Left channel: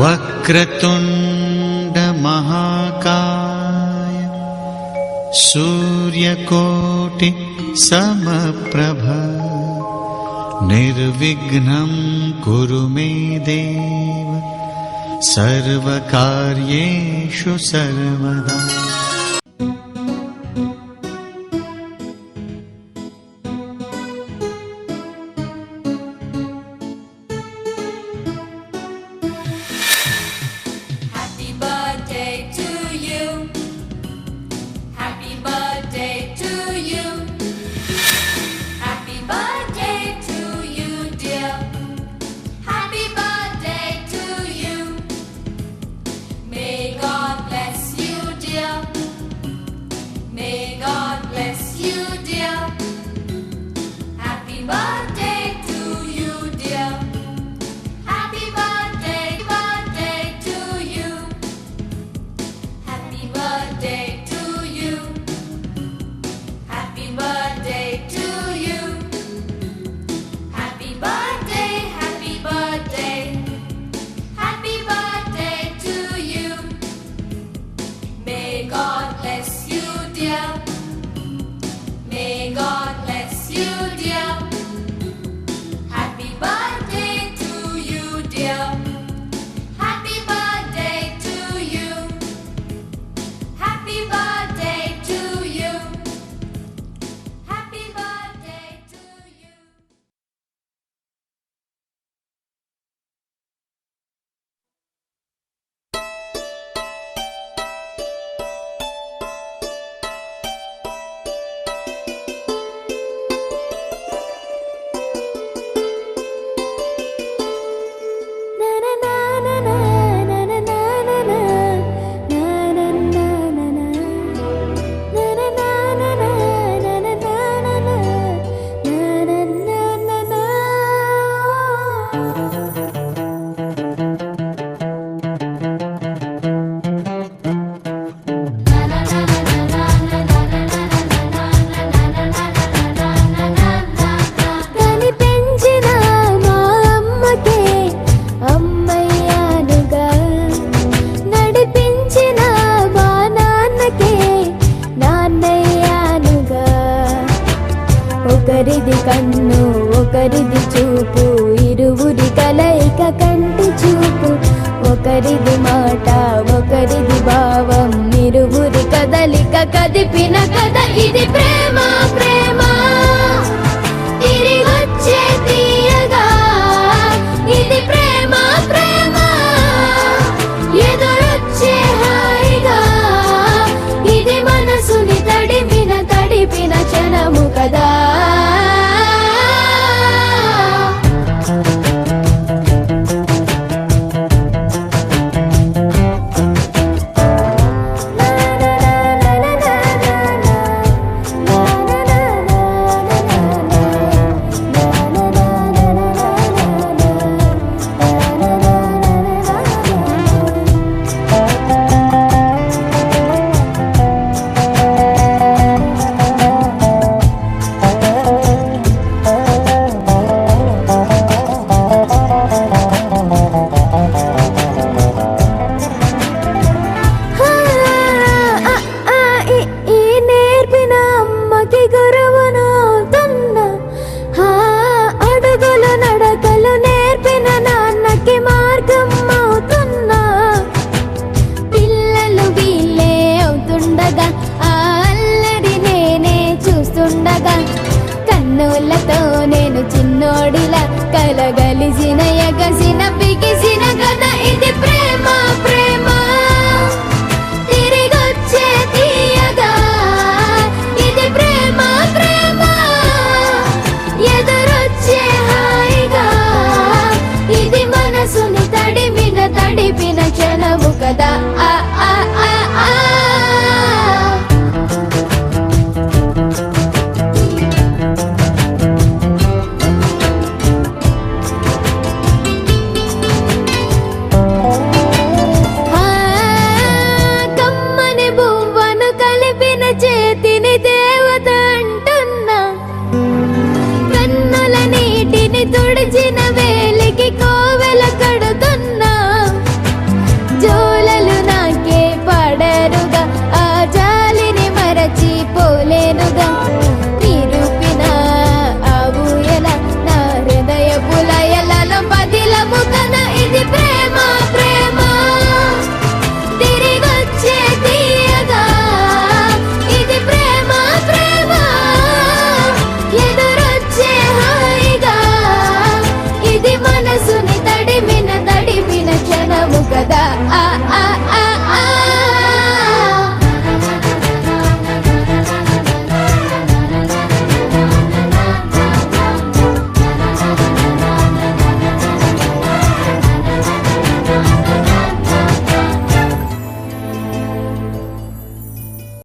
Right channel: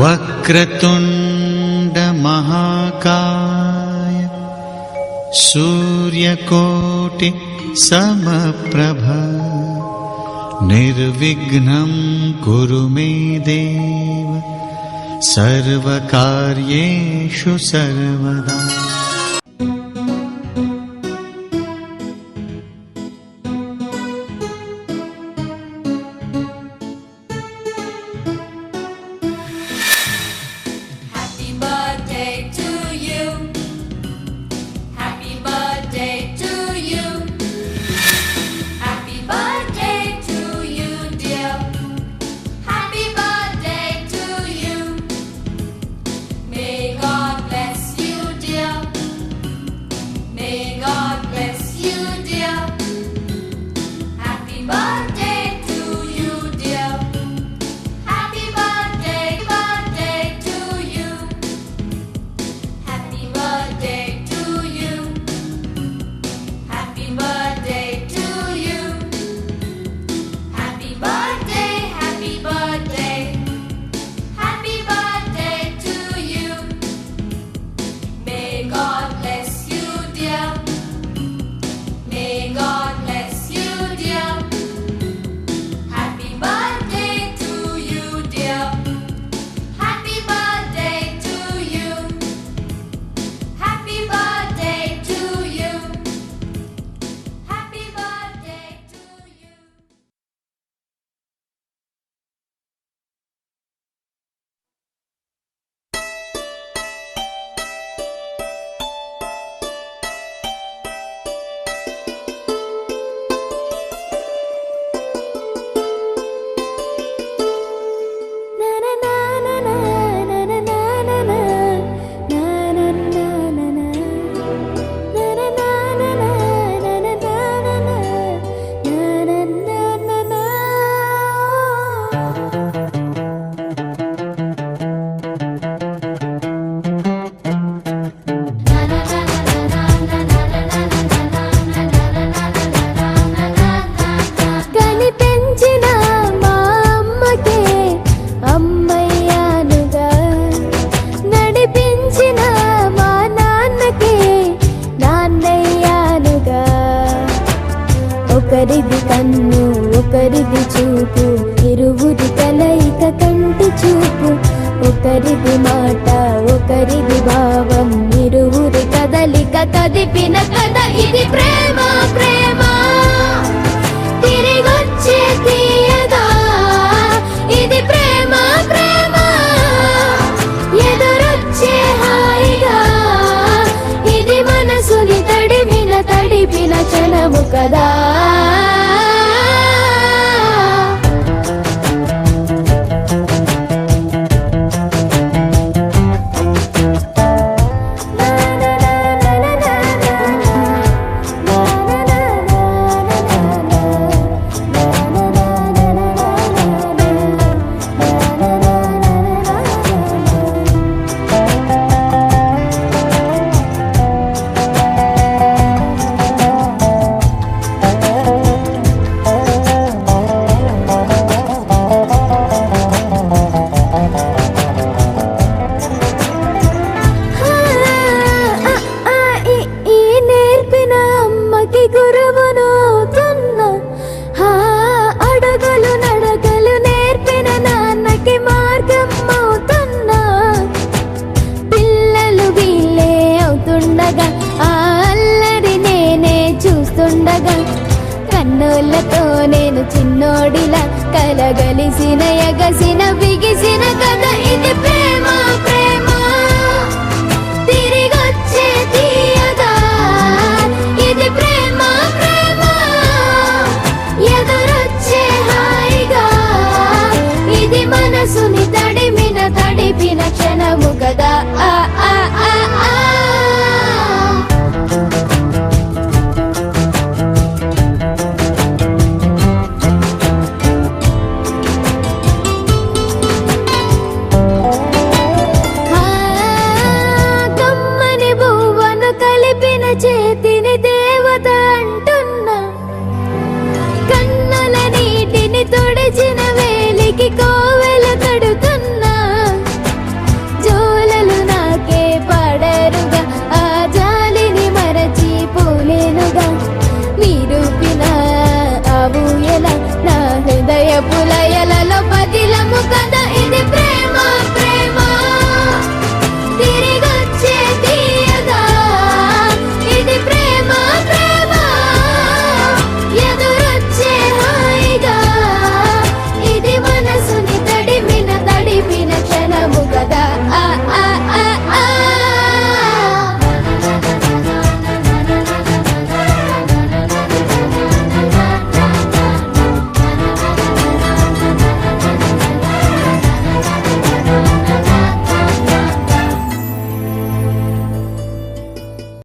వక్రతుండ మహాకాయ సూర్యకోటి సమప్రభ నిర్విఘ్నం కురు మే దేవ సర్వకార్యేషు సర్వదా. ఒకరిది కన్ను ఒకరిది చూపు, ఇరువురి కలయిక కంటి చూపు. ఒకరిది మాట ఒకరిది భావం, ఇరువురి కదలిక కదిపిన కథ ఇది ప్రేమ. ప్రేమ తిరిగొచ్చే తీయగా ఇది ప్రేమ. ప్రేమ ఎదురొచ్చే హాయిగా ఇది మనసుని తడిపిన క్షణము కదా. కన్నులతో నేను చిన్నోడిలా కలగలిసిన ఎగసిన బిగిసిన కథ ఇది ప్రేమ. ప్రేమ తిరిగొచ్చే తీయగా ఇది ప్రేమ. ప్రేమ ఎదురొచ్చే హాయిగా ఇది మనసుని తడిపిన క్షణము కదా. ఆ ఆ ఆ ఆ కదా